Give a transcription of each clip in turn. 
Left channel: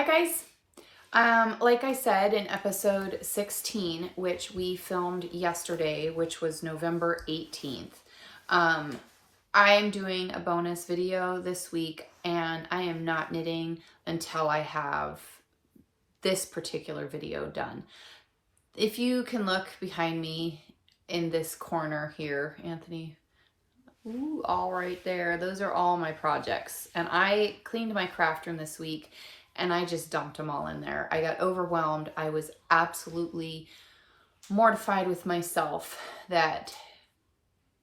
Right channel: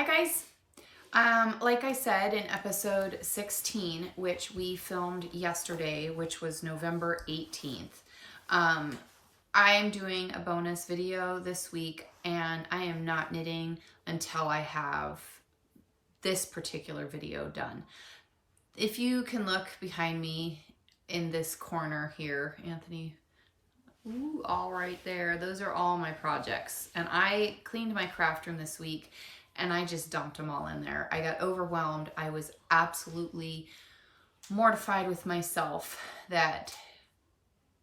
Hi guys. Like I said in episode 16, which we filmed yesterday, which was November 18th, I am doing a bonus video this week and I am not knitting until I have this particular video done. If you can look behind me in this corner here, Anthony, ooh, all right there, those are all my projects. And I cleaned my craft room this week and I just dumped them all in there. I got overwhelmed. I was absolutely mortified with myself that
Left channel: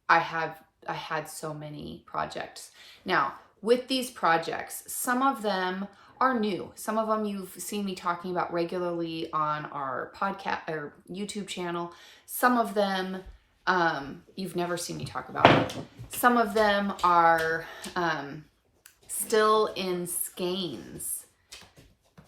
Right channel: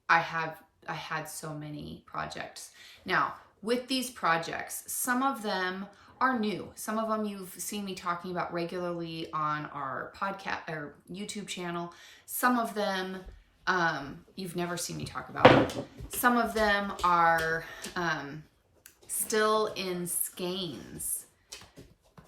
I had so many projects. Now, with these projects, some of them are new. Some of them you've seen me talking about regularly on our podcast or YouTube channel. Some of them you've never seen me talk about. Some of them are still in skeins.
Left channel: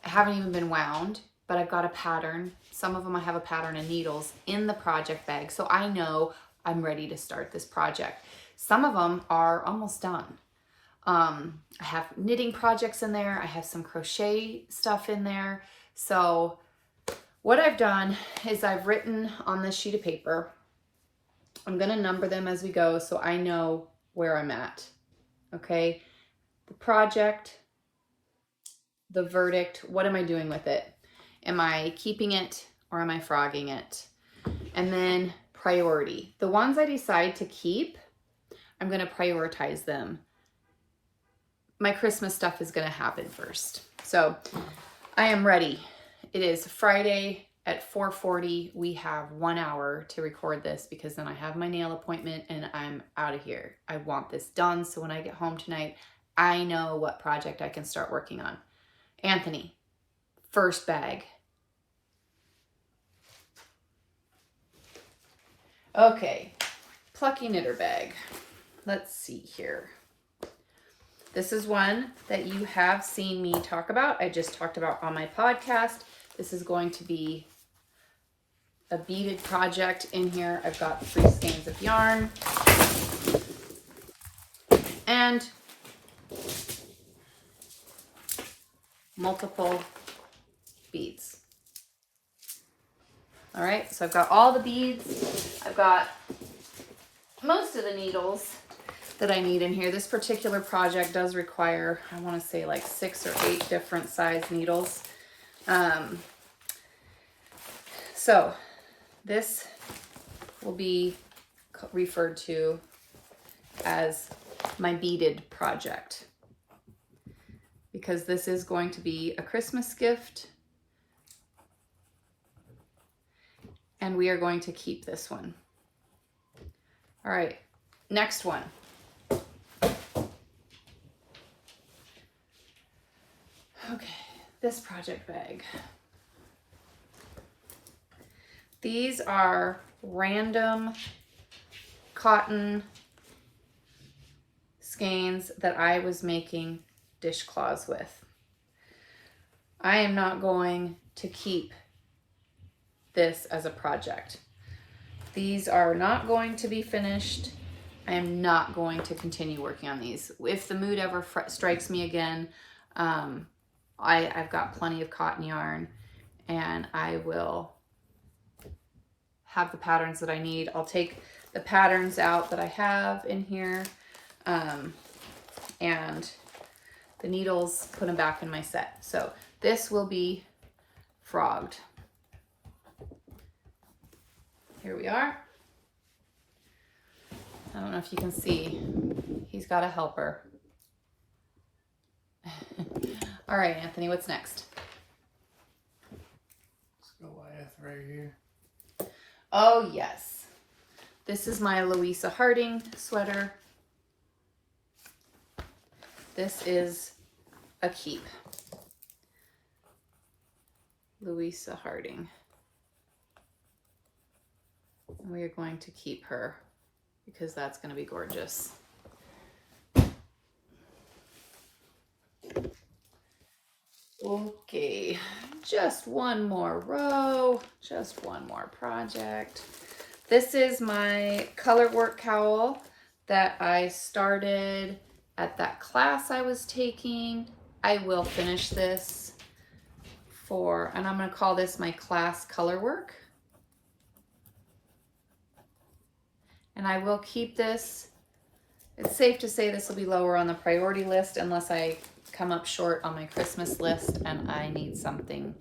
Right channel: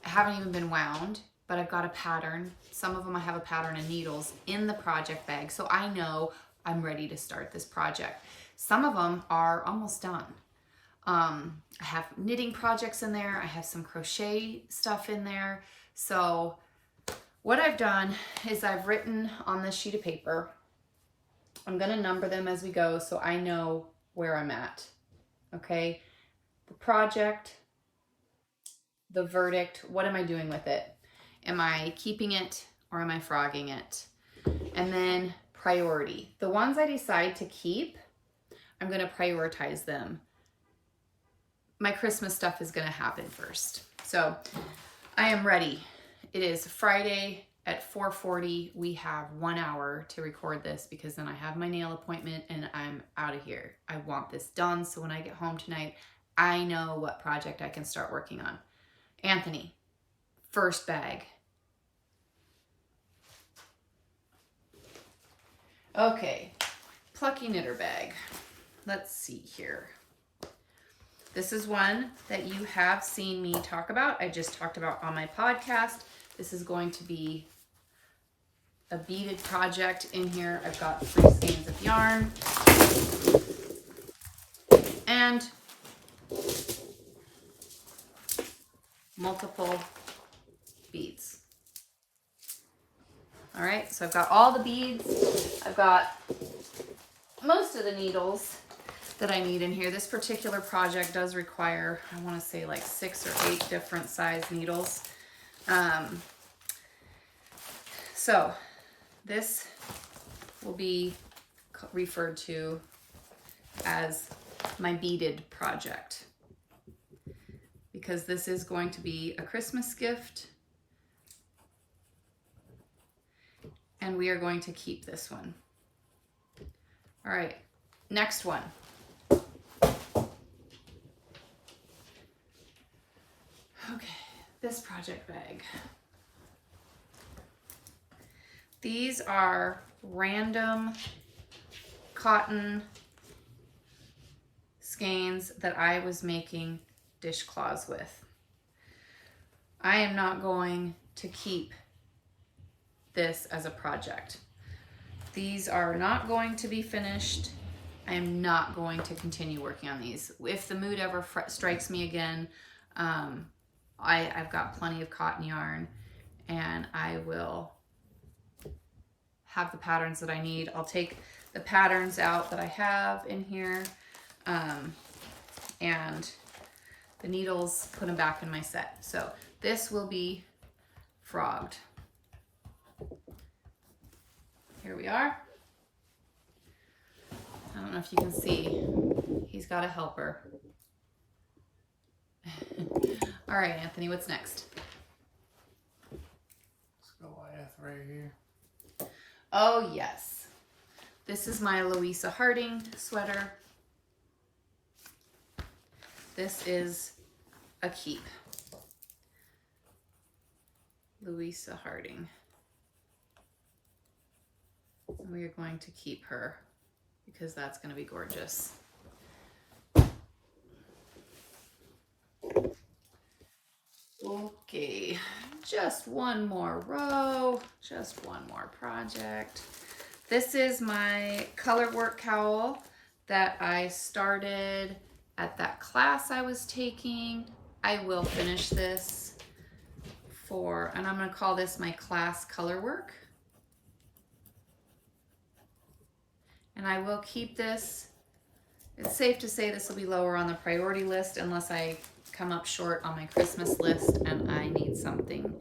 I haven't even been wound, but I've got a pattern. Some of them I have a pattern and needles in the project bag, so I know I'm ready to start this project. Some of them are almost done. I have knitting projects in there. I have some crochet stuff in there. So what I've done is I've written on this sheet of paper. I'm going to number them as we go so I know where I'm at. Okay? The project, the verdict, what am I doing with it? Am I keeping it or am I frogging it? And then priority. The ones I decide to keep, I'm going to prioritize them. My Christmas stuff is going to happen first. So I am ready. It is Friday at 4:40. We have 1 hour to record this because then I have my nail appointment and I'm out of here. I want this done so when I get home tonight, I know what project I can start working on. Anthony, first bag. Okay, plucky knitter bag. Let's see here. This is one that you have seen me talk about. I just talked about on my podcast. This is going to be a beaded project in here. I've got 3 skeins of yarn and multiple beads. All right, so I've got all the beads. I've got most of the needles that I need in here. This particular project does require, I want to say like 6 or 8 different size needles. So this will be referred to as my beaded project because this is going to be a Christmas gift and we are going to keep this one. All right, next one. Okay, this project bag. These are random cotton skeins that I was making dishcloths with. I am not going to keep this as a project. These are not going to be finished. I am not going to continue working on these. If the mood ever strikes me again, I've got plenty of cotton yarn and I will have the patterns that I need. I'll take the patterns out that I have in here and the needles, put them back in my set. So this will be frogged. Here we are. I don't know if you can see, he's got a helper. All right, Anthony, what's next? Let's go Goliath right here. Oh, yes. This is my Louisa Harding sweater. This is a keep. Louisa Harding. And we are going to keep her because that's going to be gorgeous. Okay, just one more row, just one more project. This is my color work cowl that I started at that class I was taking. I will finish this. and I'm going to call this my class color work. And I will keep this. It's safe to say this will be lower on the priority list unless I come up short on my Christmas list and I need something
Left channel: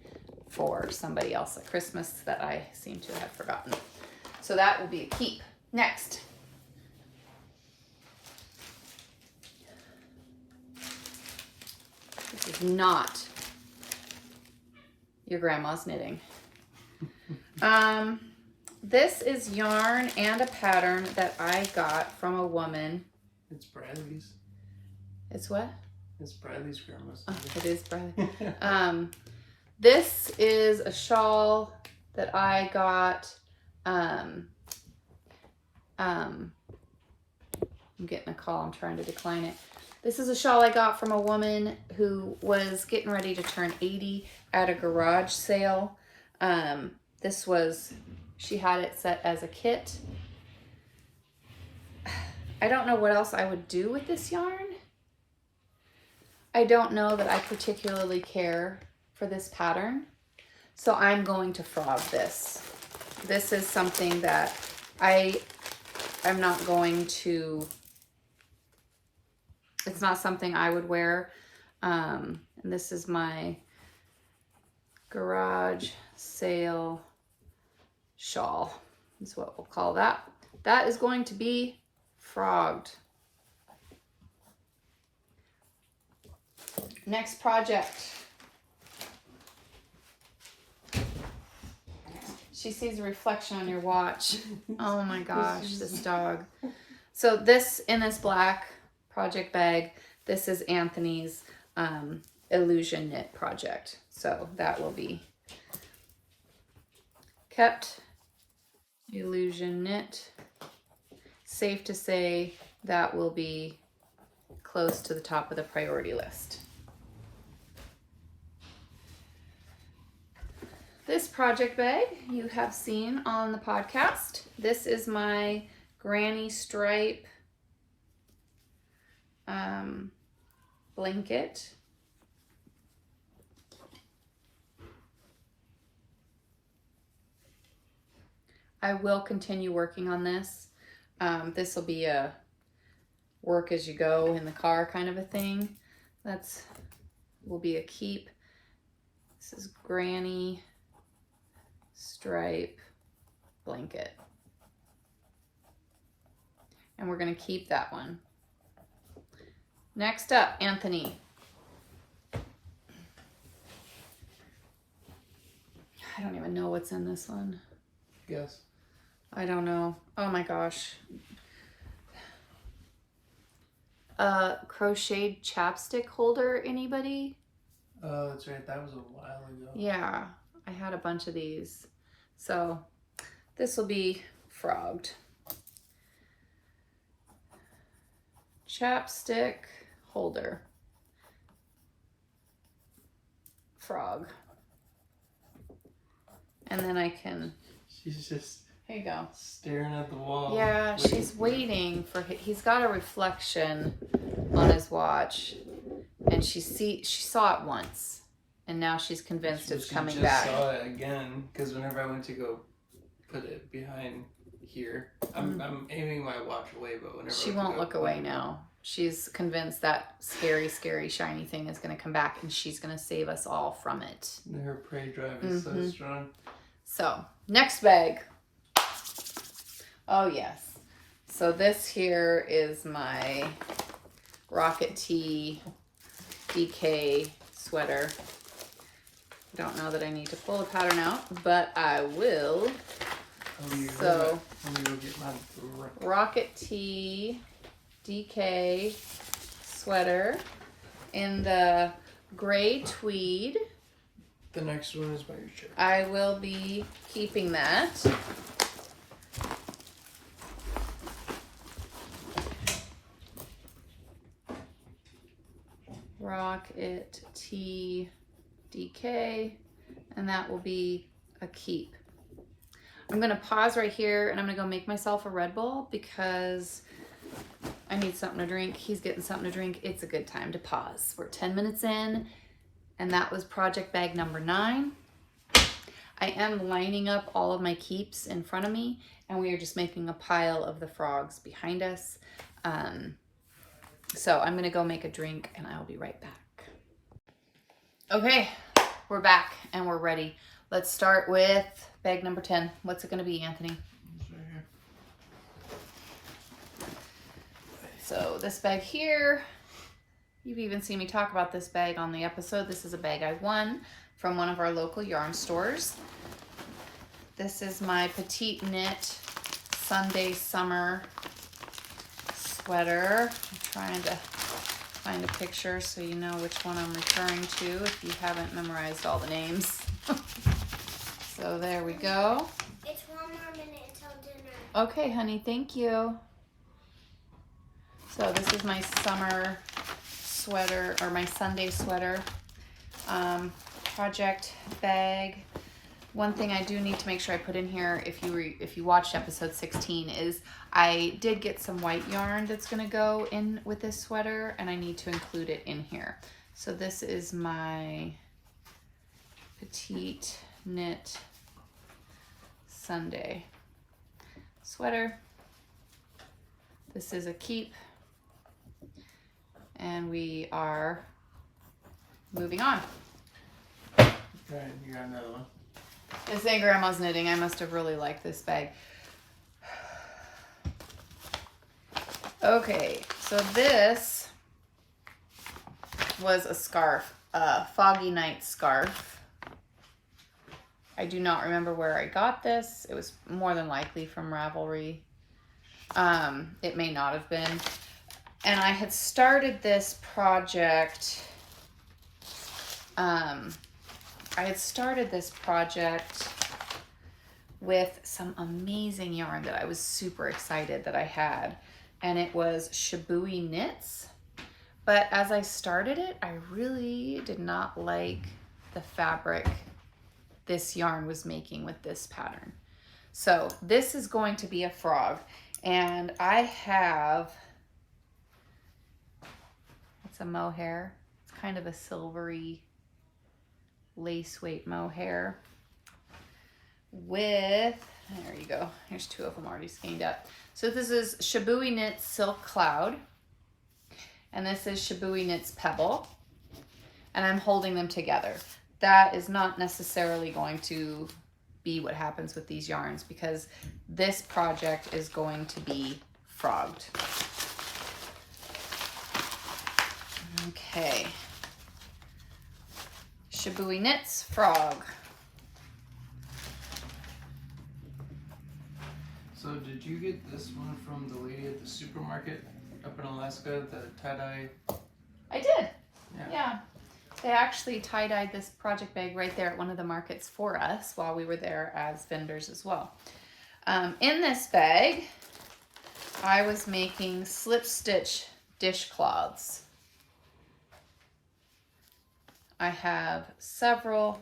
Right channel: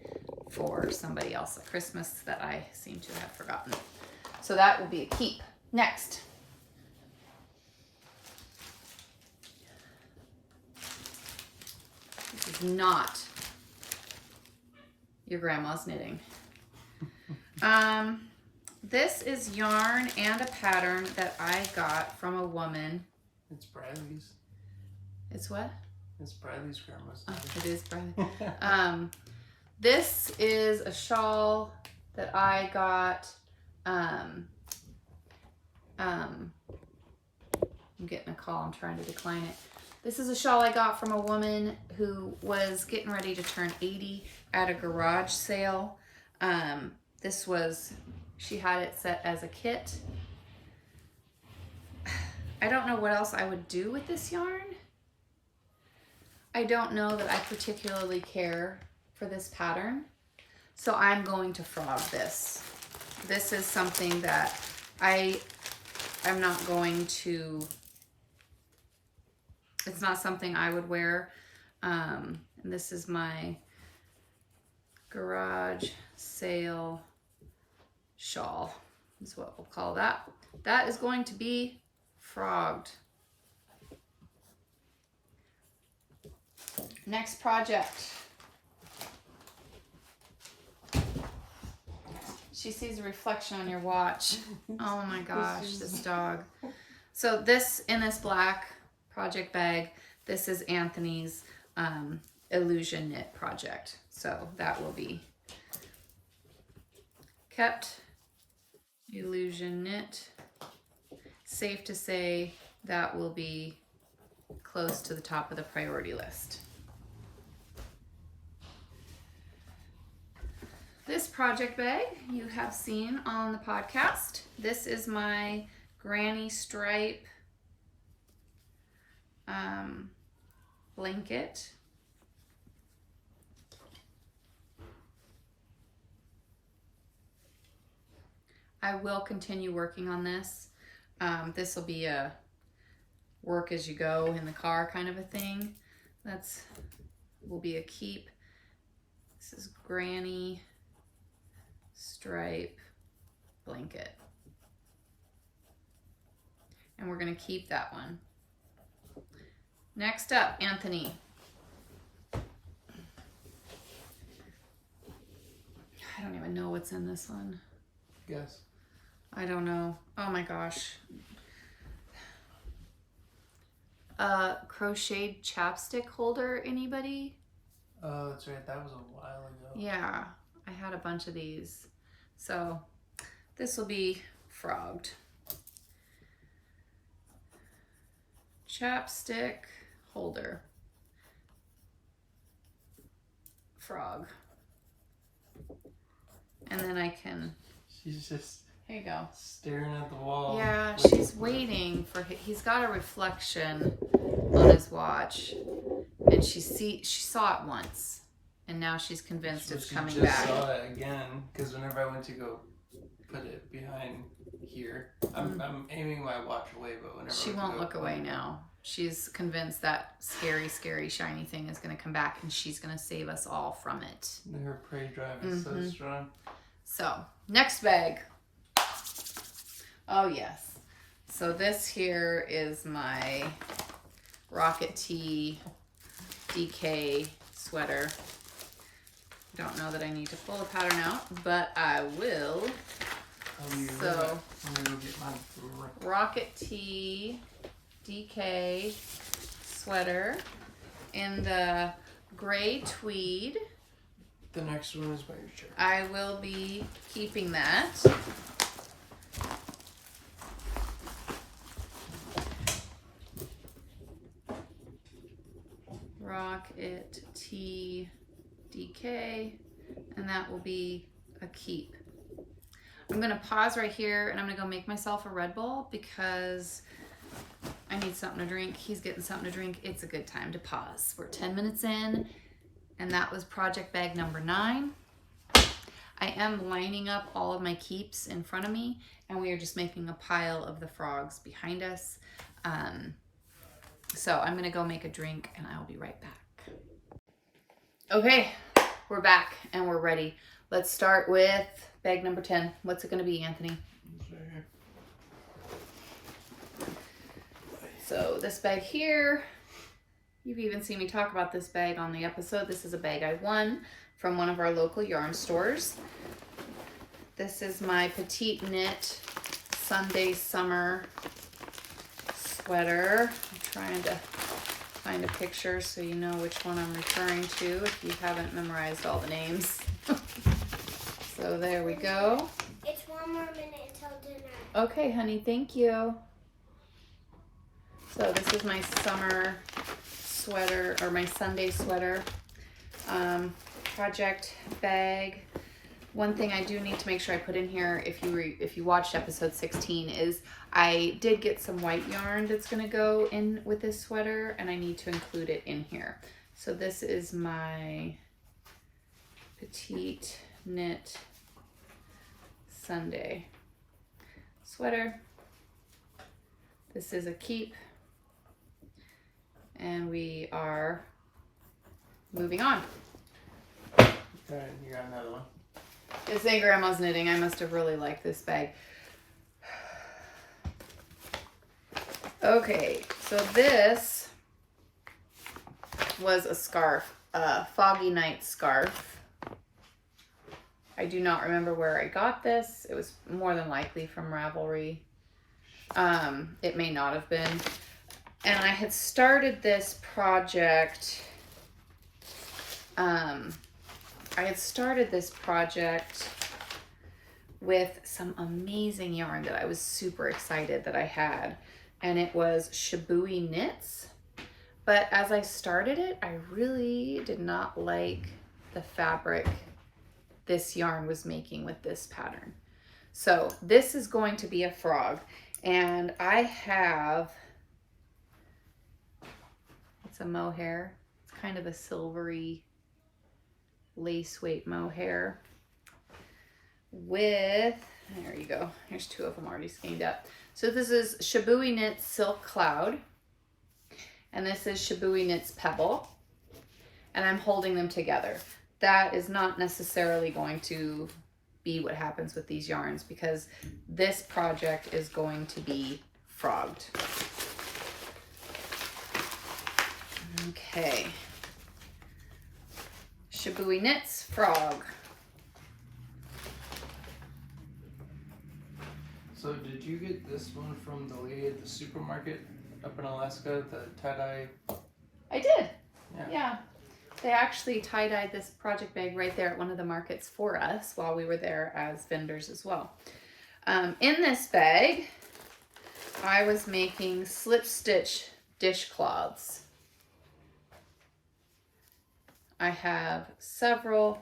for somebody else at Christmas that I seem to have forgotten. So that will be a keep. Next. This is not your grandma's knitting. This is yarn and a pattern that I got from a woman. It's Bradley's. It's what? It's Bradley's grandma's. Oh, it is Bradley. This is a shawl that I got. I'm getting a call. I'm trying to decline it. This is a shawl I got from a woman who was getting ready to turn 80 at a garage sale. She had it set as a kit. I don't know what else I would do with this yarn. I don't know that I particularly care for this pattern. So I'm going to frog this. This is something that I'm not going to, it's not something I would wear. And this is my garage sale shawl, is what we'll call that. That is going to be frogged. Next project. She sees a reflection on your watch. Oh my gosh, this dog. So this, in this black project bag, this is Anthony's illusion knit project. So that will be kept. Illusion knit. Safe to say that will be close to the top of the priority list. This project bag you have seen on the podcast. This is my granny stripe blanket. I will continue working on this. This will be a work as you go in the car kind of a thing. That's will be a keep. This is granny stripe blanket. And we're going to keep that one. Next up, Anthony. I don't even know what's in this one. Yes. I don't know. Oh my gosh. Crocheted chapstick holder, anybody? Oh, that's right. That was a while ago. Yeah, I had a bunch of these. So this will be frogged. Chapstick holder. Frog. And then I can... She's just... Here you go. Staring at the wall. Yeah, she's waiting for... He's got a reflection on his watch. And she saw it once. And now she's convinced it's coming back. She just saw it again. Because whenever I went to go put it behind here, I'm aiming my watch away, but whenever she won't look away now. She's convinced that scary, scary, shiny thing is going to come back and she's going to save us all from it. Her prey drive is so strong. So, next bag. Oh, yes. So this here is my Rocket Tee DK sweater. Don't know that I need to pull the pattern out, but I will. So, Rocket Tee DK sweater in the gray tweed. The next one is by your shirt. I will be keeping that. Rocket Tee DK, and that will be a keep. I'm gonna pause right here and I'm gonna go make myself a Red Bull because I need something to drink. He's getting something to drink. It's a good time to pause. We're 10 minutes in And that was project bag number 9. I am lining up all of my keeps in front of me, and we are just making a pile of the frogs behind us. So I'm gonna go make a drink and I'll be right back. Okay, we're back and we're ready. Let's start with bag number 10. What's it gonna be, Anthony? It's right here. So this bag here, you've even seen me talk about this bag on the episode. This is a bag I won from one of our local yarn stores. This is my Petite Knit Sunday Summer sweater. I'm trying to find a picture so you know which one I'm referring to if you haven't memorized all the names. So there we go. It's 1 more minute until dinner. Okay, honey, thank you. So this is my summer sweater, or my Sunday sweater project bag. One thing I do need to make sure I put in here, if you watched episode 16, is I did get some white yarn that's going to go in with this sweater, and I need to include it in here. So this is my Petite Knit Sunday sweater. This is a keep, and we are moving on. Okay, you got another one. It's Aunt Grandma's knitting. I must have really liked this bag. Okay, so this was a scarf, a Foggy Night scarf. I do not remember where I got this. It was more than likely from Ravelry. It may not have been. And I had started this project. With some amazing yarn that I was super excited that I had. And it was Shibui Knits. But as I started it, I really did not like the fabric this yarn was making with this pattern. So this is going to be a frog. And I have, it's a mohair. It's kind of a silvery lace weight mohair with, there you go, there's 2 of them already skeined up. So this is Shibui Knits Silk Cloud, and this is Shibui Knits Pebble, and I'm holding them together. That is not necessarily going to be what happens with these yarns, because this project is going to be frogged. Okay. Shibui Knits Frog. So did you get this one from the lady at the supermarket up in Alaska, the tie-dye? I did. Yeah. Yeah. They actually tie-dyed this project bag right there at one of the markets for us while we were there as vendors as well. In this bag, I was making slip stitch dishcloths. I have several.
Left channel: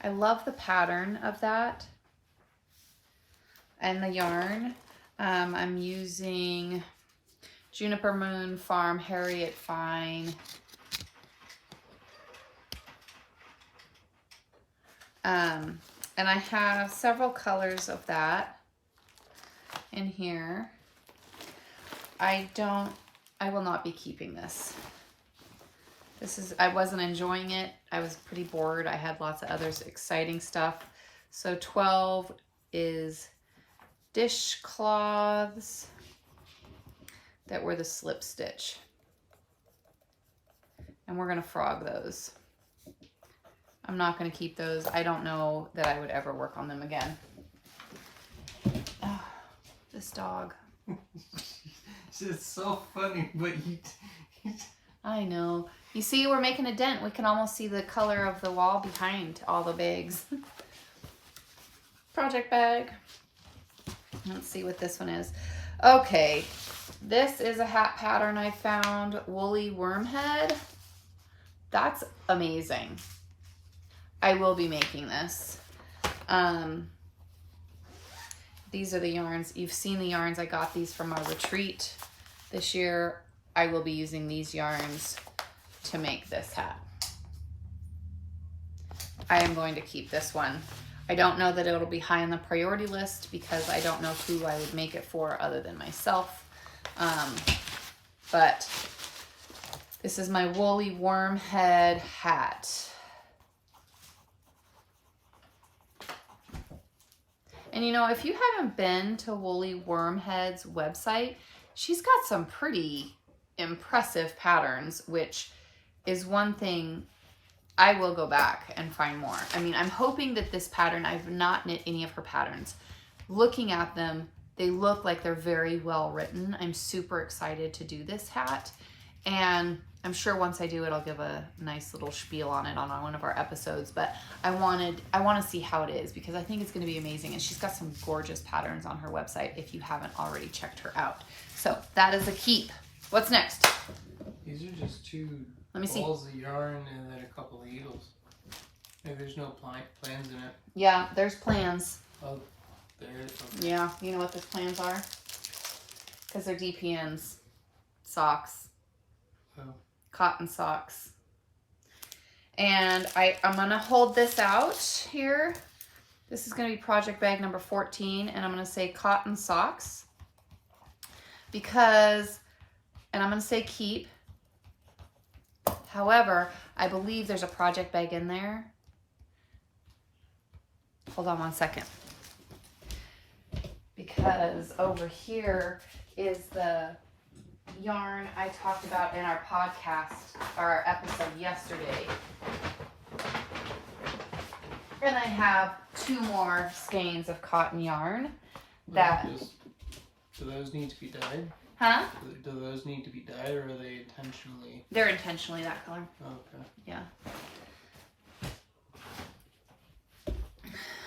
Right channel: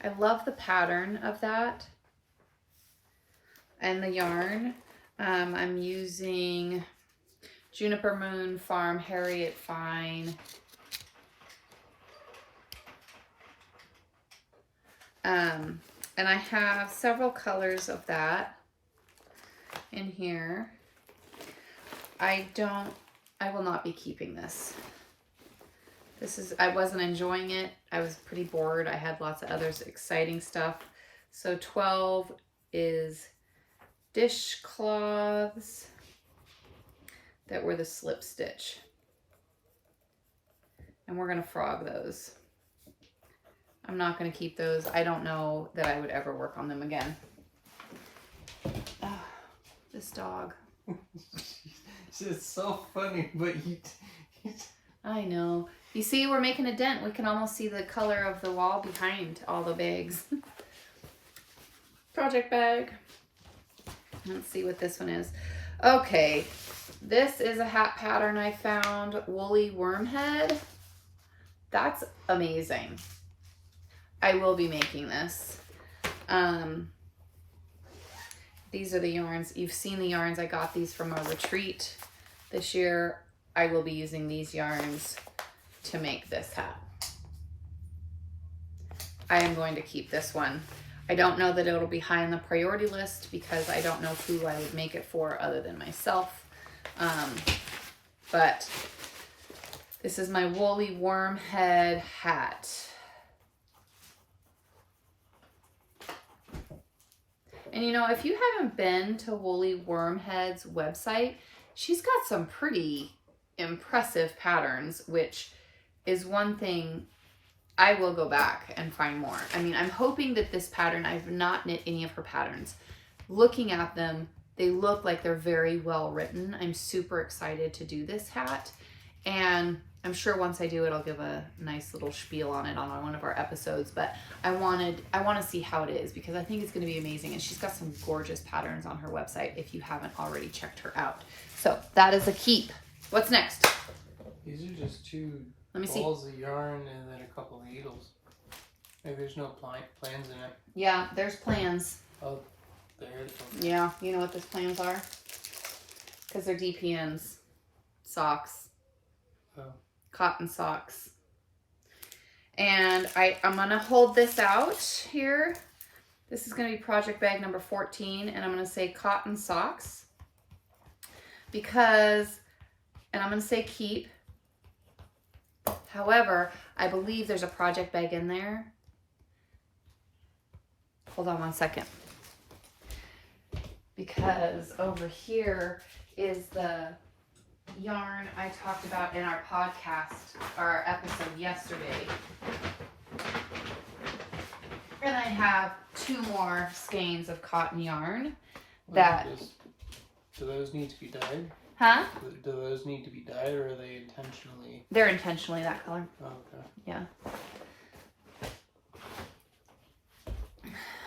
I love the pattern of that and the yarn. I'm using Juniper Moon Farm Harriet Fine. And I have several colors of that in here. I will not be keeping this. I wasn't enjoying it. I was pretty bored. I had lots of other exciting stuff. So 12 is dishcloths that were the slip stitch. And we're gonna frog those. I'm not gonna keep those. I don't know that I would ever work on them again. Oh, this dog. It's so funny, but I know. You see, we're making a dent. We can almost see the color of the wall behind all the bags. Project bag. Let's see what this one is. Okay, this is a hat pattern I found, Woolly Wormhead. That's amazing. I will be making this. These are the yarns. You've seen the yarns. I got these from our retreat this year. I will be using these yarns to make this hat. I am going to keep this one. I don't know that it'll be high on the priority list because I don't know who I would make it for other than myself. But this is my woolly worm head hat. And you know, if you haven't been to Woolly Wormhead's website, she's got some pretty impressive patterns, which is one thing I will go back and find more. I mean, I'm hoping that this pattern, I've not knit any of her patterns. Looking at them, they look like they're very well written. I'm super excited to do this hat. And I'm sure once I do it, I'll give a nice little spiel on it on one of our episodes. But I want to see how it is because I think it's going to be amazing. And she's got some gorgeous patterns on her website if you haven't already checked her out. So that is a keep. What's next? These are just two Let me balls of yarn and then a couple of needles. Maybe there's no plans in it. Yeah, there's plans. Oh, there. Okay. Yeah, you know what those plans are? Because they're DPNs. Socks. Oh. Cotton socks. And I'm going to hold this out here. This is going to be project bag number 14. And I'm going to say cotton socks. Because, and I'm going to say keep. However, I believe there's a project bag in there. Hold on one second. Because over here is the yarn I talked about in our podcast, or our episode yesterday. And I have 2 more skeins of cotton yarn that... Do those need to be dyed? Huh? Do those need to be dyed or are they intentionally? They're intentionally that color. Okay. Yeah.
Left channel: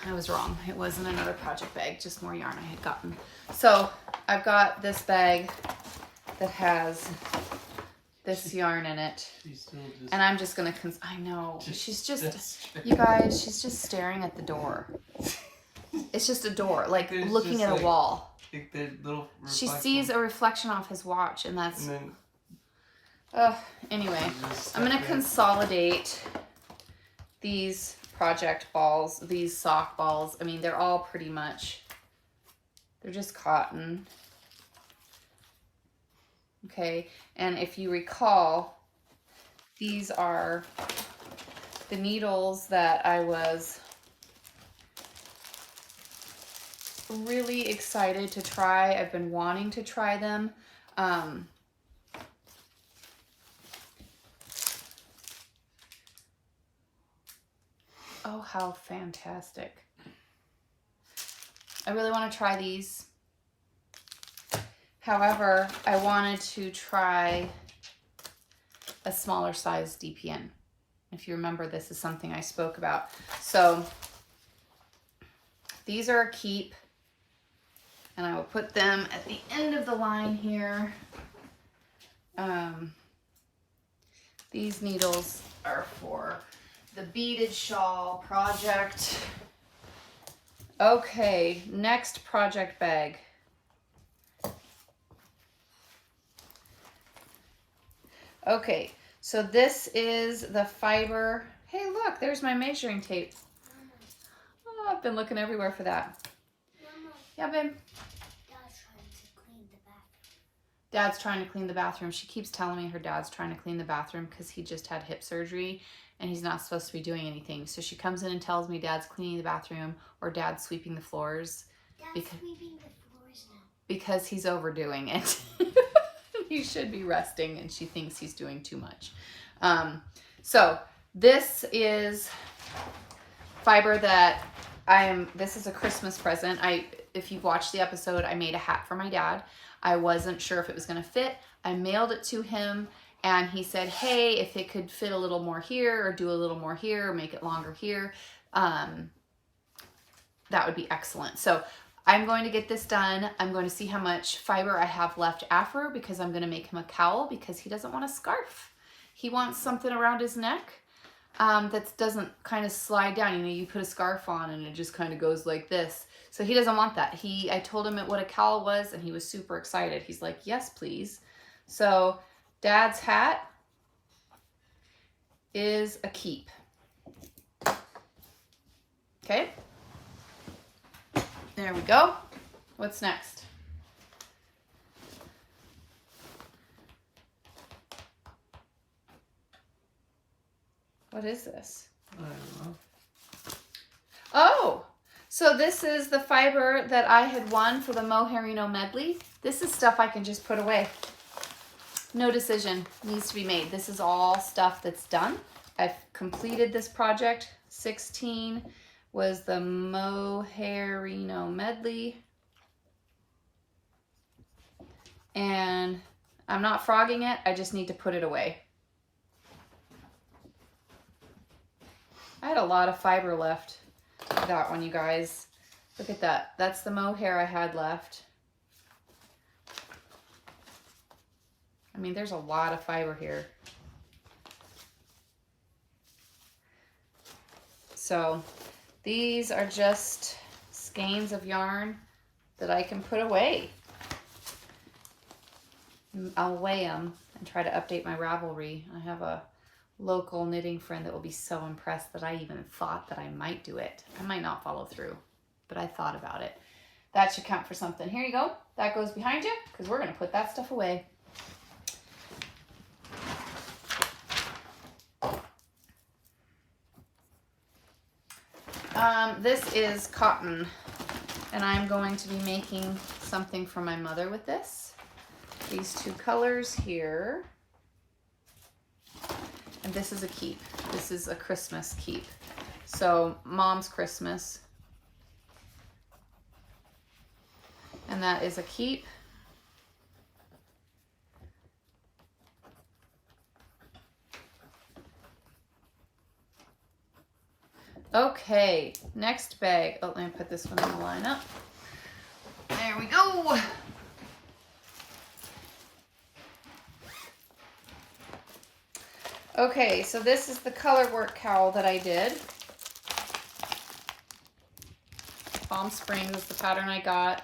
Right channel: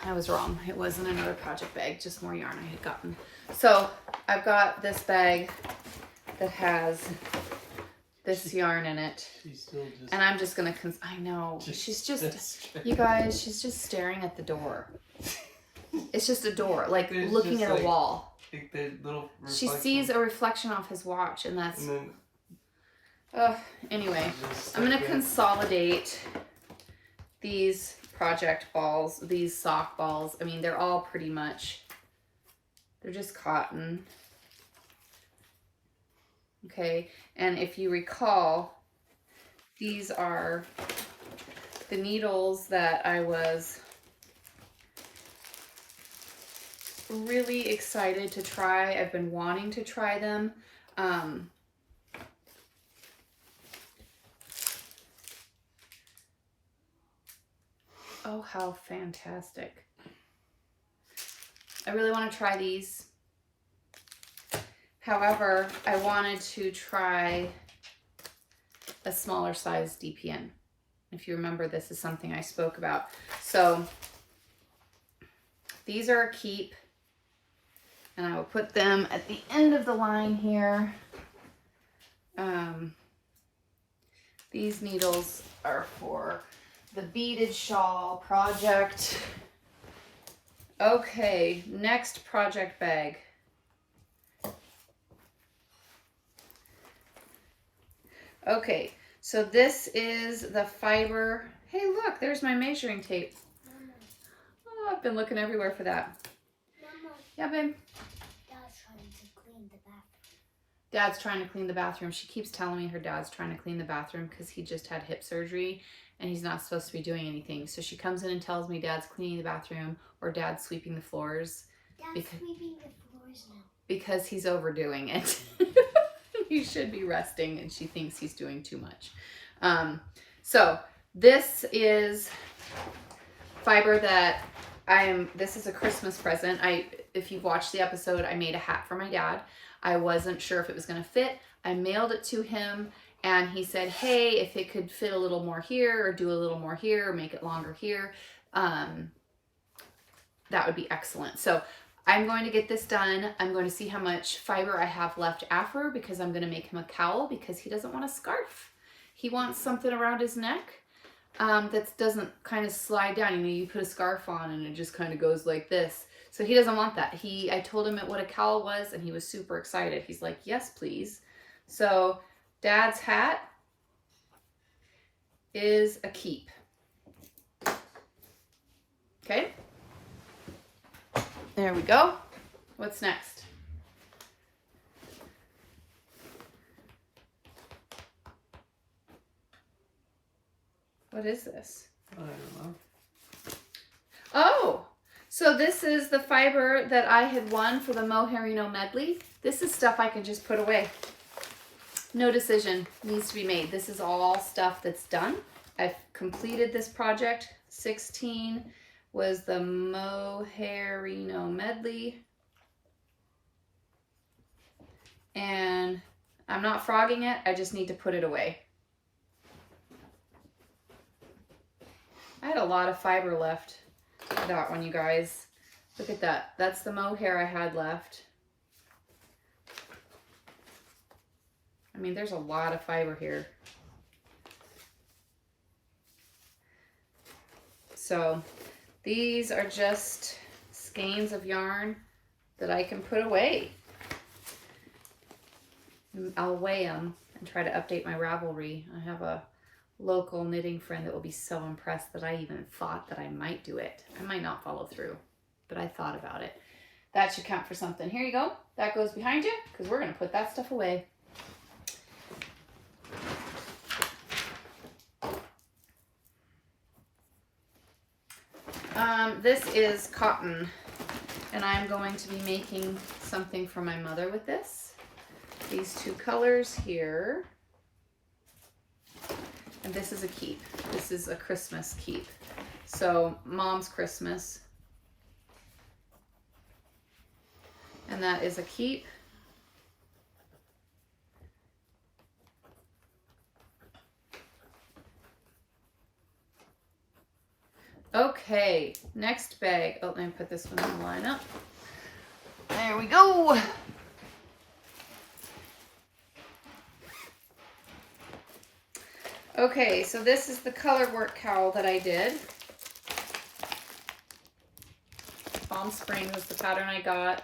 I was wrong. It wasn't another project bag, just more yarn I had gotten. So I've got this bag that has this yarn in it. She's still just... And I'm just going to... I know. She's just... That's You guys, she's just staring at the door. It's just a door, like There's looking just at a like- wall. Like the little She reflection. sees a reflection off his watch, and that's... And then anyway, she's just I'm going to stuck there. consolidate these project balls, these sock balls. I mean, they're all pretty much... They're just cotton. Okay, and if you recall, these are the needles that I was really excited to try. I've been wanting to try them. Oh, how fantastic. I really want to try these. However, I wanted to try a smaller size DPN. If you remember, this is something I spoke about. So these are a keep. And I will put them at the end of the line here. These needles are for the beaded shawl project. Okay, next project bag. Okay, so this is the fiber. Hey, look, there's my measuring tape. Oh, I've been looking everywhere for that. Yeah, babe. Dad's trying to clean the bathroom. She keeps telling me her dad's trying to clean the bathroom because he just had hip surgery and he's not supposed to be doing anything. So she comes in and tells me dad's cleaning the bathroom or dad's sweeping the floors. Dad's sweeping the floors now. Because he's overdoing it. He should be resting and she thinks he's doing too much. So this is fiber that this is a Christmas present. If you've watched the episode, I made a hat for my dad. I wasn't sure if it was going to fit. I mailed it to him and he said, hey, if it could fit a little more here or do a little more here or make it longer here, that would be excellent. So I'm going to get this done. I'm going to see how much fiber I have left after because I'm going to make him a cowl because he doesn't want a scarf. He wants something around his neck that doesn't kind of slide down. You know, you put a scarf on and it just kind of goes like this. So he doesn't want that. I told him what a cowl was and he was super excited. He's like, yes, please. So Dad's hat is a keep. Okay. There we go. What's next? What is this? I don't know. Oh, so this is the fiber that I had won for the Mohairino medley. This is stuff I can just put away. No decision needs to be made. This is all stuff that's done. I've completed this project. 16 was the Mohairino medley. And I'm not frogging it. I just need to put it away. I had a lot of fiber left for that one, you guys. Look at that. That's the mohair I had left. I mean, there's a lot of fiber here. So these are just skeins of yarn that I can put away. I'll weigh them and try to update my Ravelry. I have a local knitting friend that will be so impressed that I even thought that I might do it. I might not follow through, but I thought about it. That should count for something. Here you go. That goes behind you because we're going to put that stuff away. This is cotton, and I'm going to be making something for my mother with this. These two colors here. And this is a keep. This is a Christmas keep. So Mom's Christmas. And that is a keep. Okay, next bag. Oh, let me put this one in the lineup. There we go. Okay, so this is the color work cowl that I did. Palm Springs is the pattern I got.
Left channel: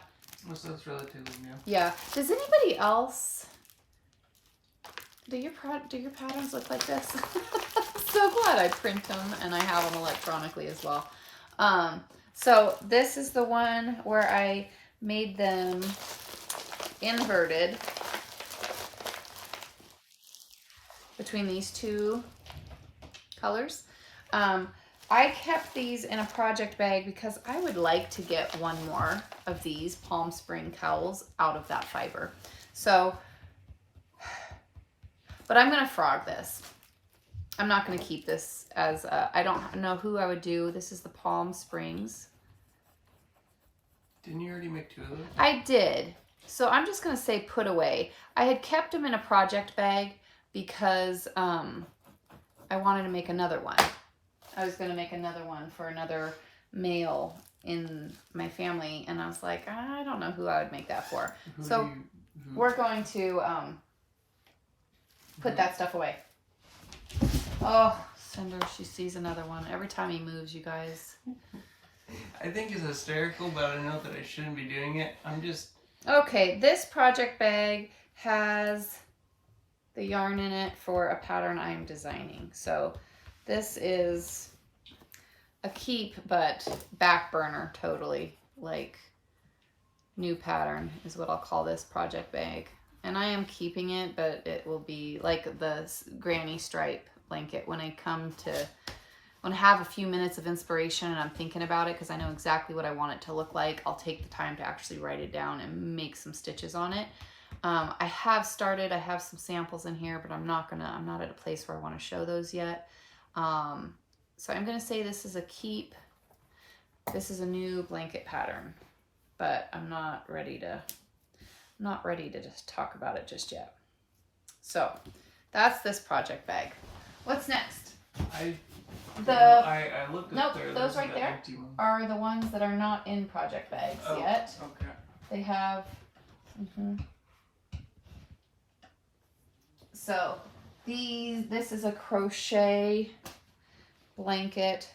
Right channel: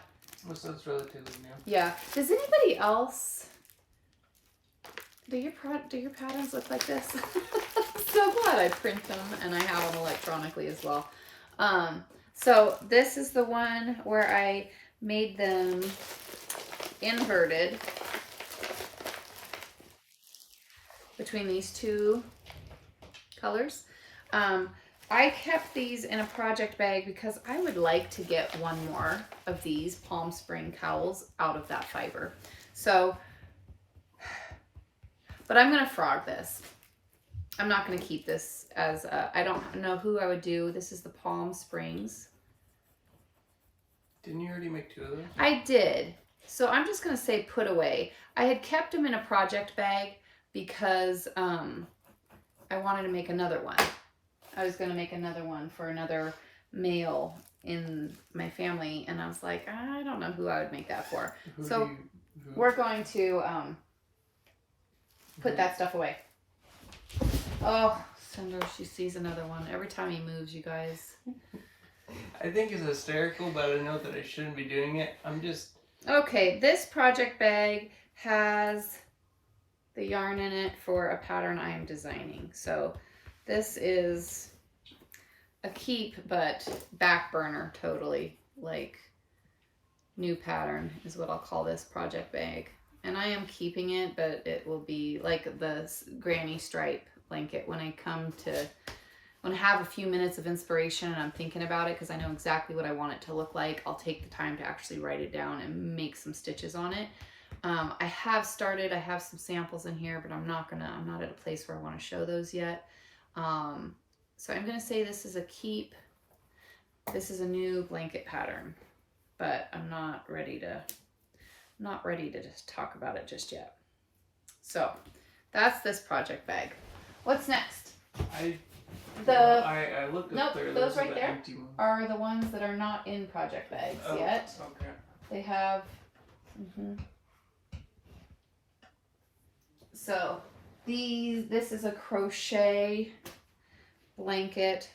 So that's relatively new. Yeah. Does anybody else? Do your patterns look like this? I'm so glad I print them and I have them electronically as well. So this is the one where I made them inverted between these two colors. I kept these in a project bag because I would like to get one more of these Palm Spring cowls out of that fiber. So, but I'm gonna frog this. I'm not gonna keep this as a, I don't know who I would do. This is the Palm Springs. Didn't you already make two of those? I did. So I'm just gonna say put away. I had kept them in a project bag because I wanted to make another one. I was going to make another one for another male in my family, and I was like, I don't know who I would make that for. We're going to put that stuff away. Oh, Cinder, she sees another one. Every time he moves, you guys. I think it's hysterical, but I know that I shouldn't be doing it. I'm just... Okay, this project bag has the yarn in it for a pattern I am designing. So this is a keep, but back burner totally. Like new pattern is what I'll call this project bag. And I am keeping it, but it will be like the granny stripe blanket when I have a few minutes of inspiration and I'm thinking about it because I know exactly what I want it to look like. I'll take the time to actually write it down and make some stitches on it. I have some samples in here, but I'm not at a place where I want to show those yet. So I'm going to say this is a keep. This is a new blanket pattern, but I'm not ready to just talk about it just yet. So that's this project bag. What's next? I looked nope, up there. those right the there empty one. are the ones that are not in project bags yet. Okay. They have, So this is a crochet blanket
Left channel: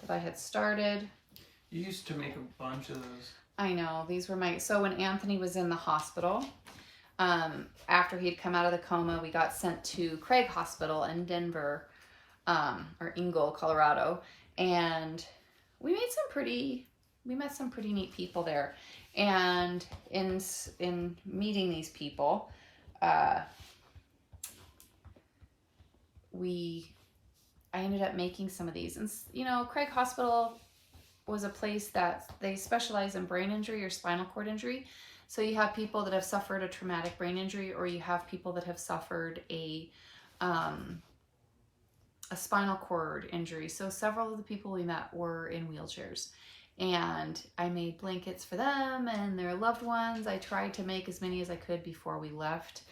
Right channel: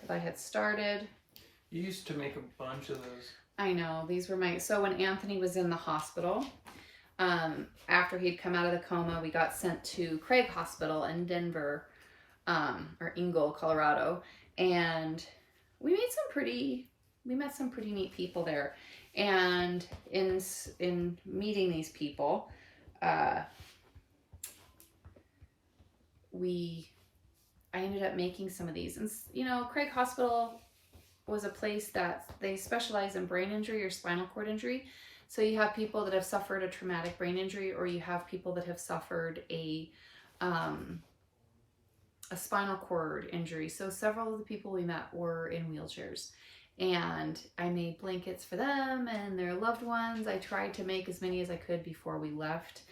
that I had started. You used to make a bunch of those. I know, these were so when Anthony was in the hospital, after he'd come out of the coma, we got sent to Craig Hospital in Denver, or Ingle, Colorado, and we met some pretty neat people there. And in meeting these people, I ended up making some of these. And, you know, Craig Hospital was a place that they specialize in brain injury or spinal cord injury. So you have people that have suffered a traumatic brain injury, or you have people that have suffered a spinal cord injury. So several of the people we met were in wheelchairs. And I made blankets for them and their loved ones. I tried to make as many as I could before we left.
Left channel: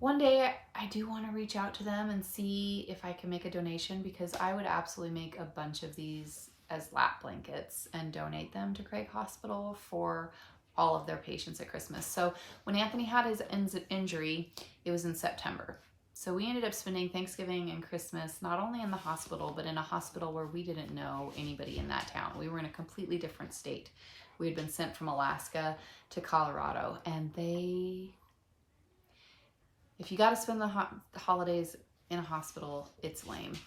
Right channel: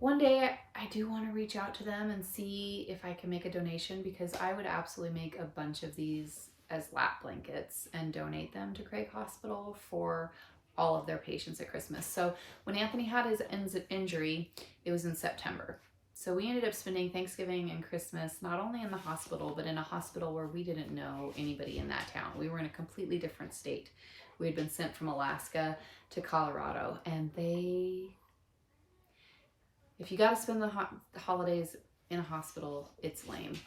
One day I do want to reach out to them and see if I can make a donation, because I would absolutely make a bunch of these as lap blankets and donate them to Craig Hospital for all of their patients at Christmas. So when Anthony had his injury, it was in September. So we ended up spending Thanksgiving and Christmas not only in the hospital, but in a hospital where we didn't know anybody in that town. We were in a completely different state. We had been sent from Alaska to Colorado, and if you got to spend the holidays in a hospital, it's lame.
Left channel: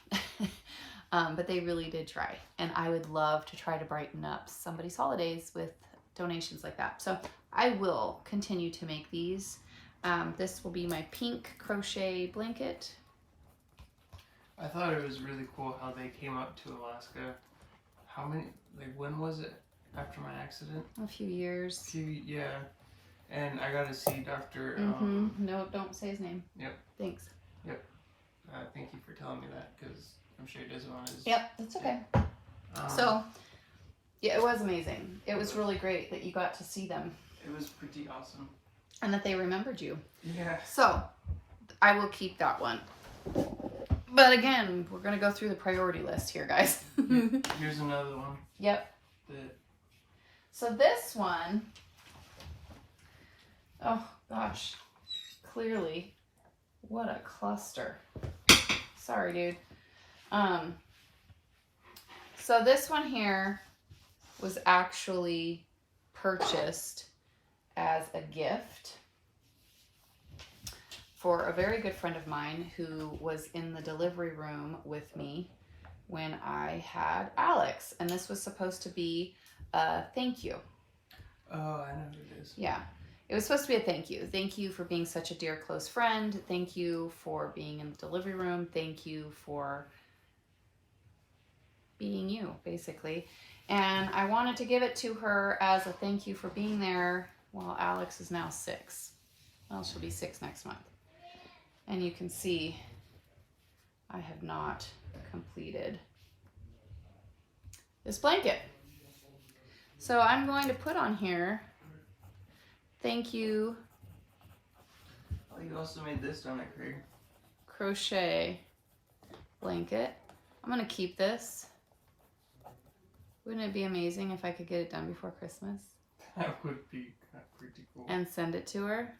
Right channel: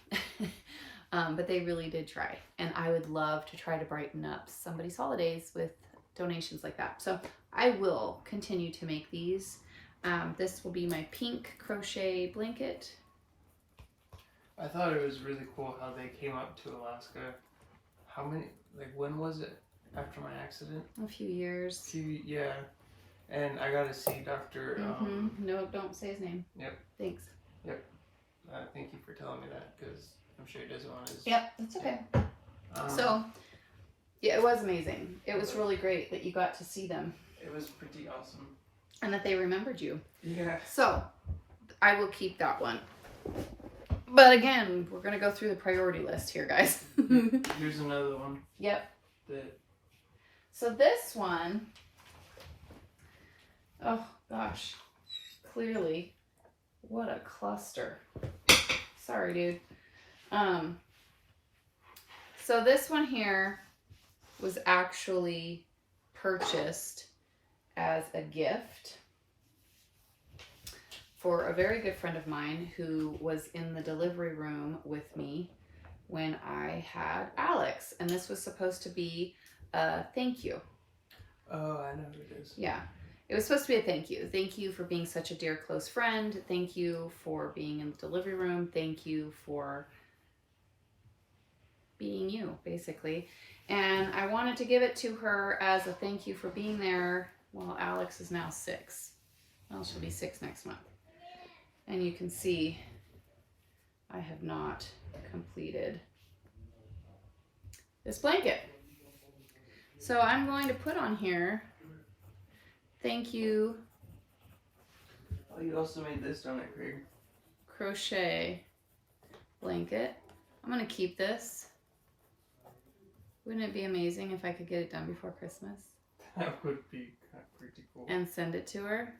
But they really did try. And I would love to try to brighten up somebody's holidays with donations like that. So I will continue to make these. This will be my pink crochet blanket. I thought it was really cool how they came up to Alaska. How many, like, when was it after my accident? A few years. Yeah. And I got to see Dr. No, don't say his name. Yep. Thanks. Yep. Thank you for telling me that, because I'm sure he doesn't want his... Yep, that's okay. So, yeah, it was amazing. It was really great that you got to see them. It was pretty awesome. And that they remembered you. Yeah. So, I will keep that one. But again, we're going to go through the priority list here, guys. Here's another one. Yep. That... So this one... Oh, gosh. Clearly. What a cluster. Sorry, dude. So this one here was actually purchased as a gift for a very good friend of mine who was in the delivery room with me when I had Alex. And this was supposed to be a thank you. Oh, I know who it is. Yeah. It was supposed to be a thank you. Thank you for being such a dear close friend. Thank you for being in the delivery room. Thank you for being you, basically. And I wanted to give it to her as a thank you for being there. Well, Alex is now 6. Well, she'll be 6 next month. And you can see I have not completed this blanket. So I'm going to put on here, thank you. Oh, you also made this, don't it, Craig? Crochet blanket. I'm going to keep this. Wouldn't it be amazing if I could get it done before Christmas? That would be pretty cool. And send it to her?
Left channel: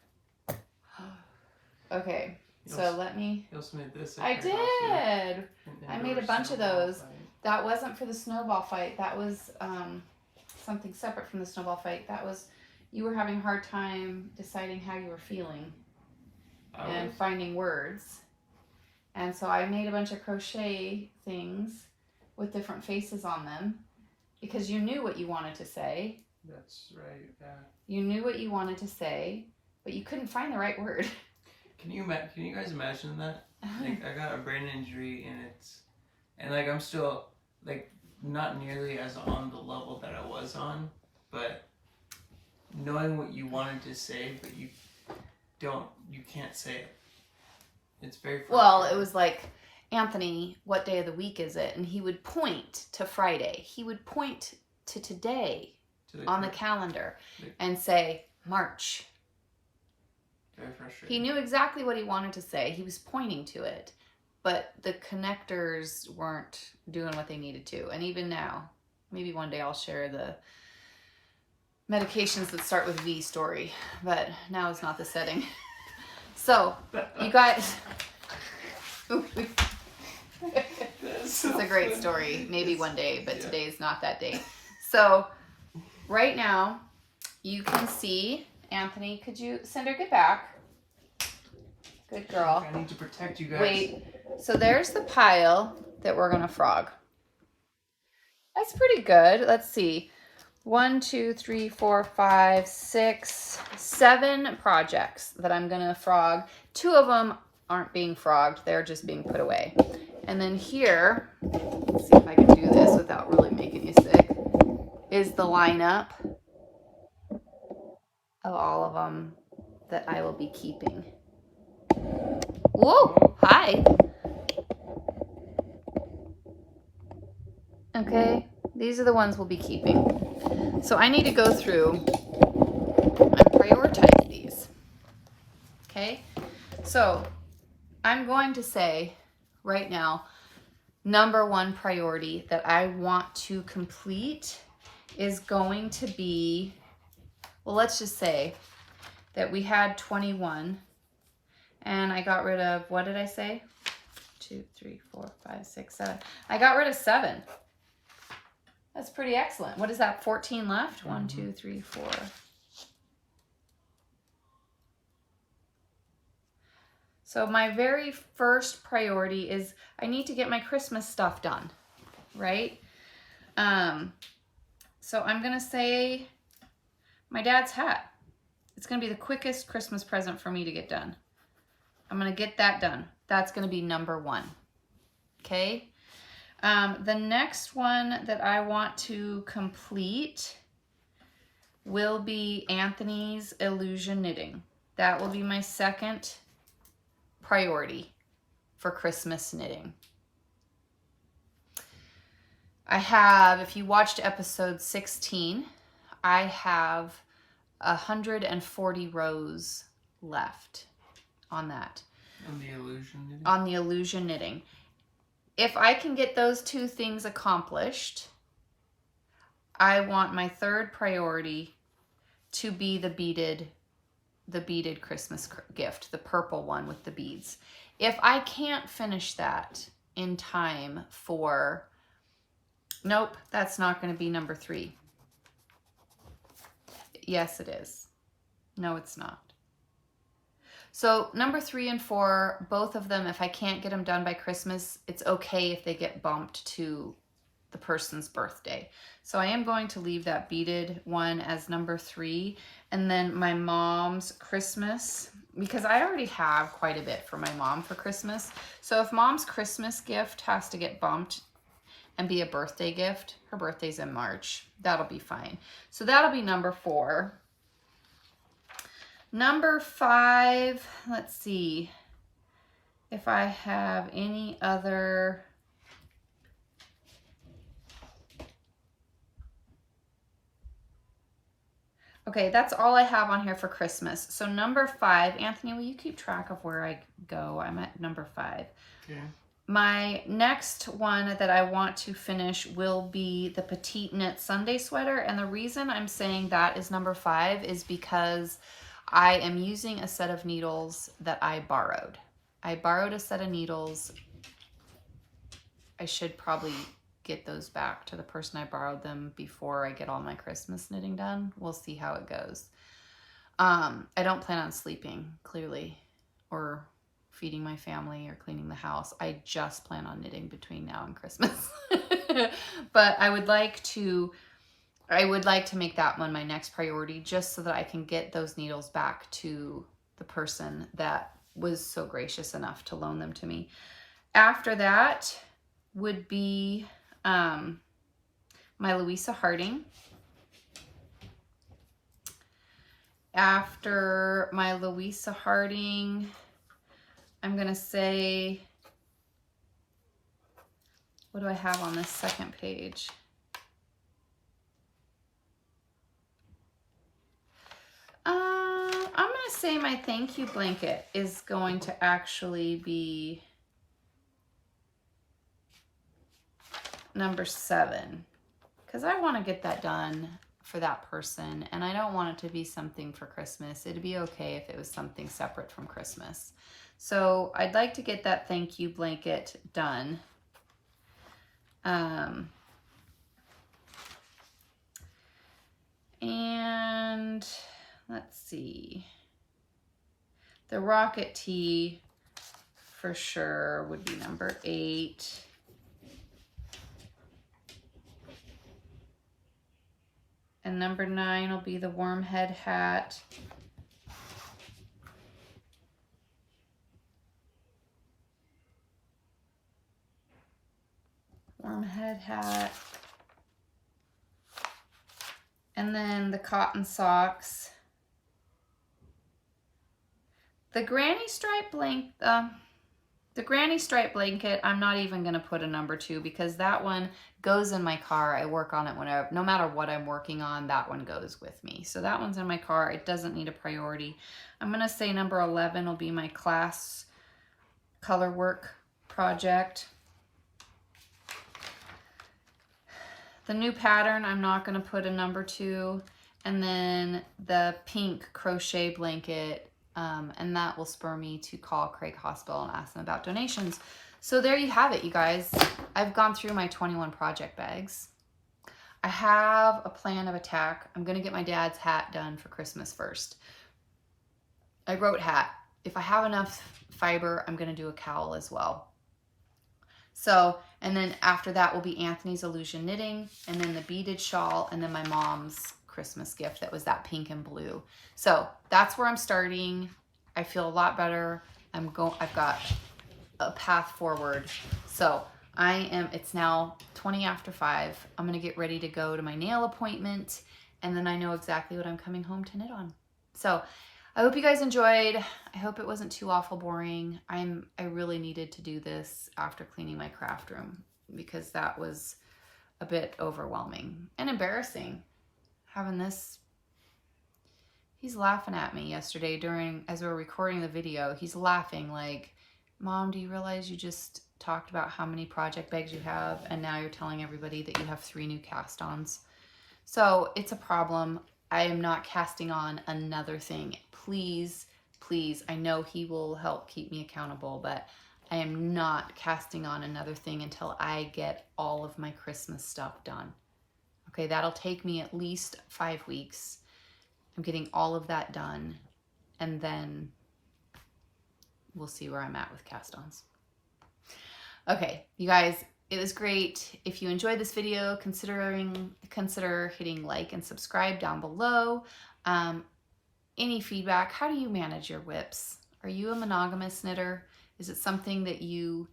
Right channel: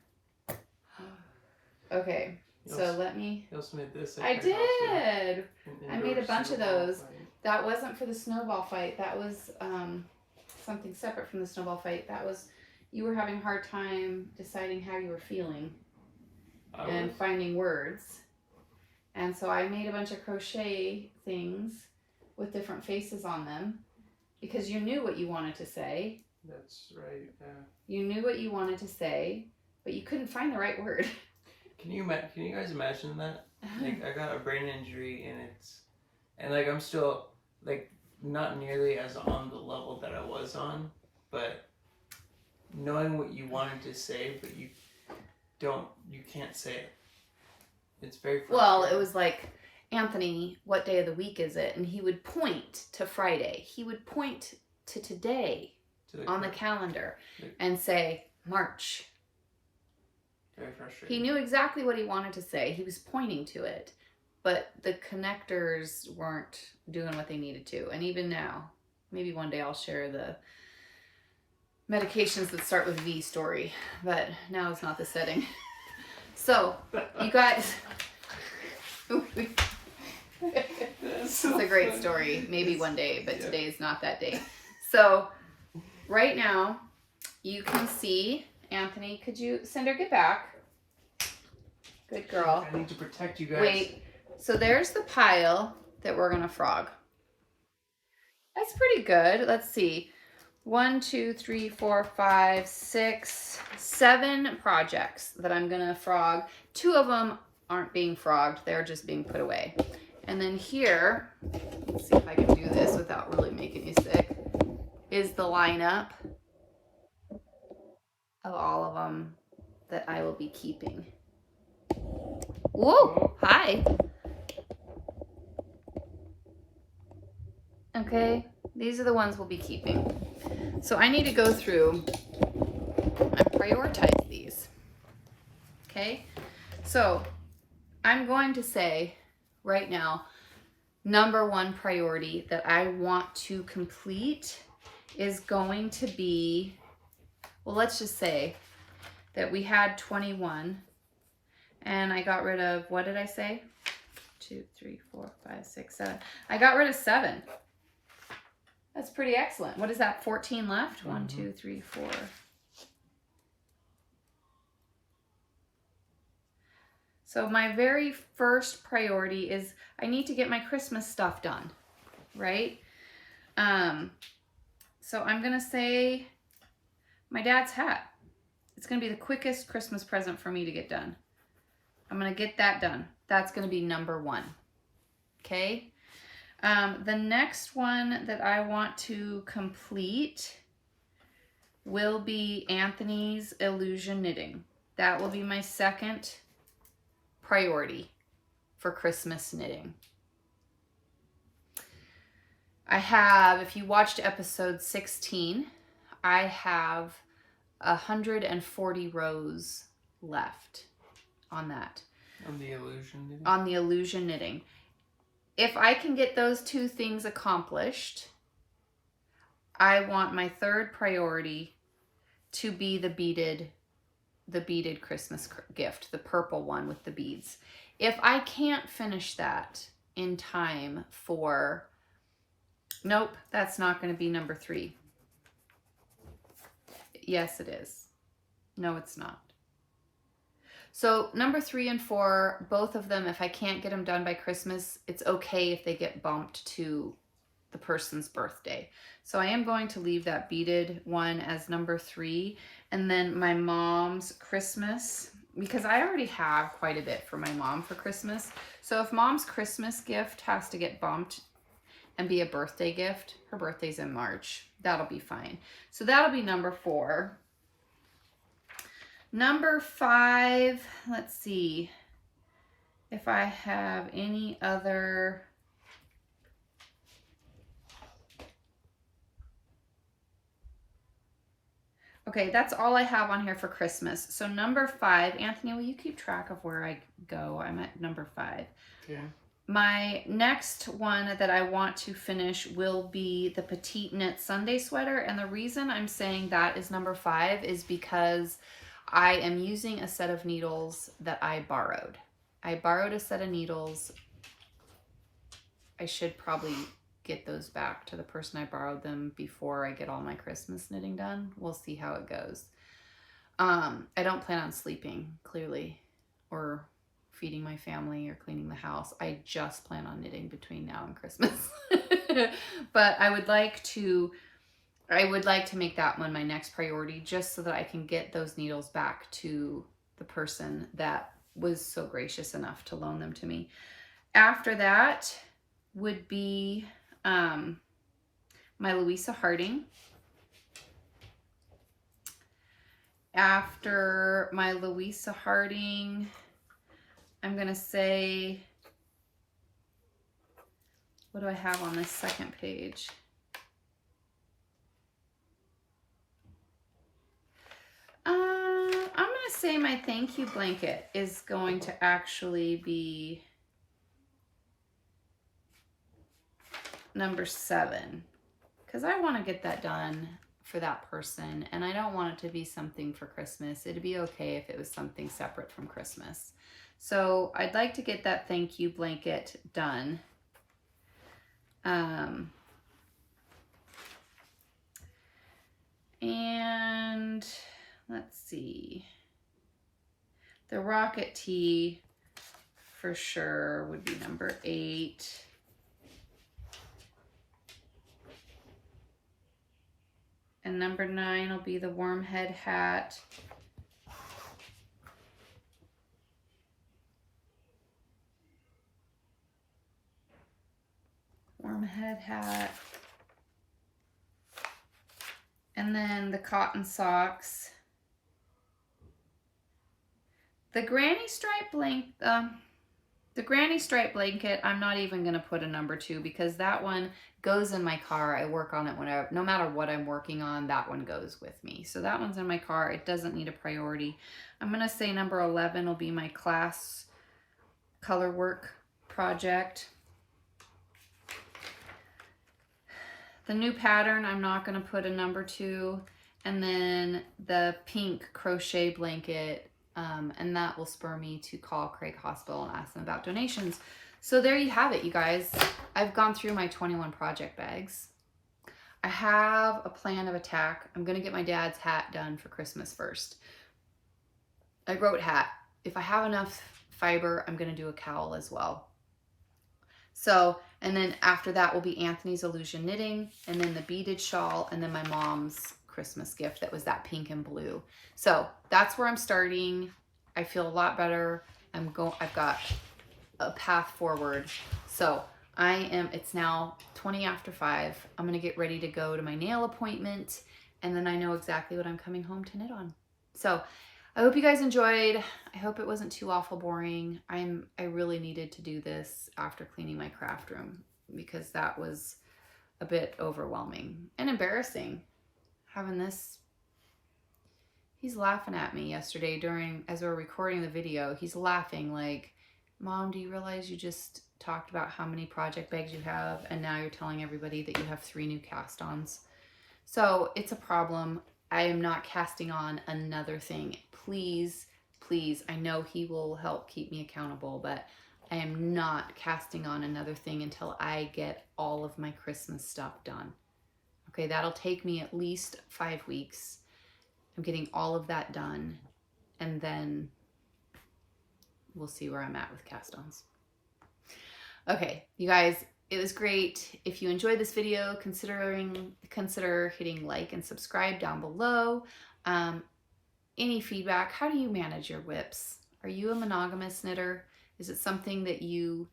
Okay, so let me... You also made this. I did! I made a bunch of those. That wasn't for the snowball fight. That was something separate from the snowball fight. That was, you were having a hard time deciding how you were feeling and finding words. And so I made a bunch of crochet things with different faces on them because you knew what you wanted to say. That's right, yeah. You knew what you wanted to say, but you couldn't find the right word. Can you guys imagine that? Like, I got a brain injury and like I'm still like not nearly as on the level that I was on, but knowing what you wanted to say, but you can't say it. It's very frustrating. Well, it was like, Anthony, what day of the week is it? And he would point to Friday. He would point to today on the calendar and say, March. Very frustrating. He knew exactly what he wanted to say. He was pointing to it, but the connectors weren't doing what they needed to. And even now, maybe one day I'll share the medications that start with V story, but now is not the setting. So, you guys... It's a great story. Maybe one day, but today is not that day. So, right now, you can see... Anthony, could you... Cinder, get back. Good girl. I need to protect you guys. Wait. So, there's the pile that we're going to frog. That's pretty good. Let's see. 1, 2, 3, 4, 5, 6, 7 projects that I'm gonna frog. 2 of them aren't being frogged, they're just being put away. And then here, let's see if I can do this without really making you sick, is the lineup of all of them that I will be keeping. Whoa, hi. Okay, these are the ones we'll be keeping. So I need to go through and prioritize these. Okay, so I'm going to say right now, number 1 priority that I want to complete is going to be, well, let's just say that we had 21 and I got rid of, what did I say? 2, 3, 4, 5, 6, 7. I got rid of 7. That's pretty excellent. What is that, 14 left? 1, 2, 3, 4. So my very first priority is I need to get my Christmas stuff done, right? So I'm going to say my dad's hat. It's going to be the quickest Christmas present for me to get done. I'm going to get that done. That's going to be number 1. Okay? The next one that I want to complete will be Anthony's Illusion Knitting. That will be my second priority for Christmas knitting. I have, if you watched episode 16, I have 140 rows left on that. On the illusion knitting? On the illusion knitting. If I can get those 2 things accomplished, I want my third priority to be the beaded Christmas gift, the purple one with the beads. If I can't finish that in time for, nope, that's not going to be number 3. Yes, it is. No, it's not. So number 3 and 4, both of them, if I can't get them done by Christmas, it's okay if they get bumped to the person's birthday. So I am going to leave that beaded one as number 3. And then my mom's Christmas, because I already have quite a bit for my mom for Christmas. So if mom's Christmas gift has to get bumped and be a birthday gift, her birthday's in March, that'll be fine. So that'll be number 4. Number 5, let's see if I have any other. Okay, that's all I have on here for Christmas. So number 5, Anthony, will you keep track of where I go? I'm at number 5. Okay. My next one that I want to finish will be the Petite Knit Sunday Sweater. And the reason I'm saying that is number 5 is because I am using a set of needles that I borrowed. I borrowed a set of needles. I should probably get those back to the person I borrowed them before I get all my Christmas knitting done. We'll see how it goes. I don't plan on sleeping, clearly, or feeding my family or cleaning the house. I just plan on knitting between now and Christmas. But I would like to make that one my next priority, just so that I can get those needles back to the person that was so gracious enough to loan them to me. After that would be my Louisa Harding. After my Louisa Harding, I'm going to say, what do I have on this second page? I'm going to say my thank you blanket is going to actually be number 7, because I want to get that done for that person, and I don't want it to be something for Christmas. It'd be okay if it was something separate from Christmas. So I'd like to get that thank you blanket done. And let's see. The Rocket Tee for sure would be number 8. And number 9 will be the worm head hat. Worm head hat. And then the cotton socks. The granny stripe blanket, I'm not even going to put a number 2 because that one goes in my car. I work on it whenever, no matter what I'm working on, that one goes with me. So that one's in my car. It doesn't need a priority. I'm going to say number 11 will be my class color work project. The new pattern, I'm not going to put a number 2. And then the pink crochet blanket, and that will spur me to call Craig Hospital and ask them about donations. So there you have it, you guys. I've gone through my 21 project bags. I have a plan of attack. I'm going to get my dad's hat done for Christmas first. I wrote hat. If I have enough fiber, I'm going to do a cowl as well. So, and then after that will be Anthony's Illusion Knitting, and then the beaded shawl, and then my mom's Christmas gift that was that pink and blue. So that's where I'm starting. I feel a lot better. I've got a path forward. So it's now 20 after 5. I'm going to get ready to go to my nail appointment, and then I know exactly what I'm coming home to knit on. So I hope you guys enjoyed. I hope it wasn't too awful boring. I really needed to do this after cleaning my craft room because that was a bit overwhelming and embarrassing. Having this, he's laughing at me yesterday as we were recording the video. He's laughing like, Mom, do you realize you just talked about how many project bags you have and now you're telling everybody that you have 3 new cast-ons? So it's a problem. I am not casting on another thing. Please, please, I know he will help keep me accountable, but I am not casting on another thing until I get all of my Christmas stuff done. Okay, that'll take me at least 5 weeks. I'm getting all of that done, and then we'll see where I'm at with cast-ons. Okay, you guys, it was great. If you enjoyed this video, consider hitting like and subscribe down below. Any feedback? How do you manage your whips? Are you a monogamous knitter? Is it something that you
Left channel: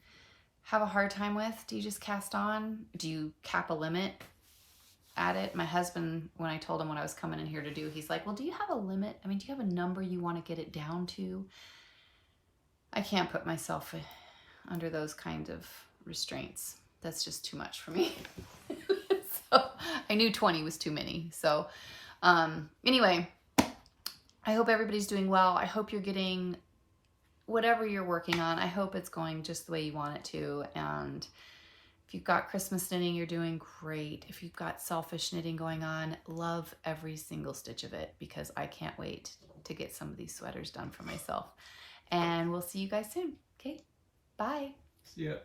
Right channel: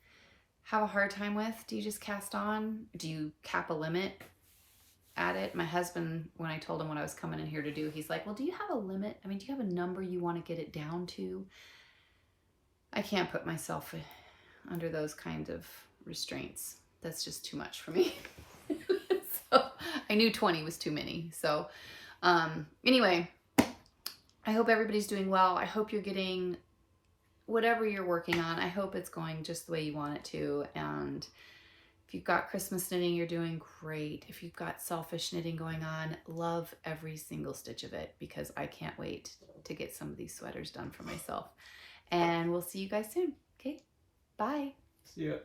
have a hard time with? Do you just cast on? Do you cap a limit at it? My husband, when I told him what I was coming in here to do, he's like, well, do you have a limit? I mean, do you have a number you want to get it down to? I can't put myself under those kind of restraints. That's just too much for me. So I knew 20 was too many. So anyway, I hope everybody's doing well. I hope you're getting whatever you're working on. I hope it's going just the way you want it to. And if you've got Christmas knitting, you're doing great. If you've got selfish knitting going on, love every single stitch of it because I can't wait to get some of these sweaters done for myself. And we'll see you guys soon. Okay, bye. See ya.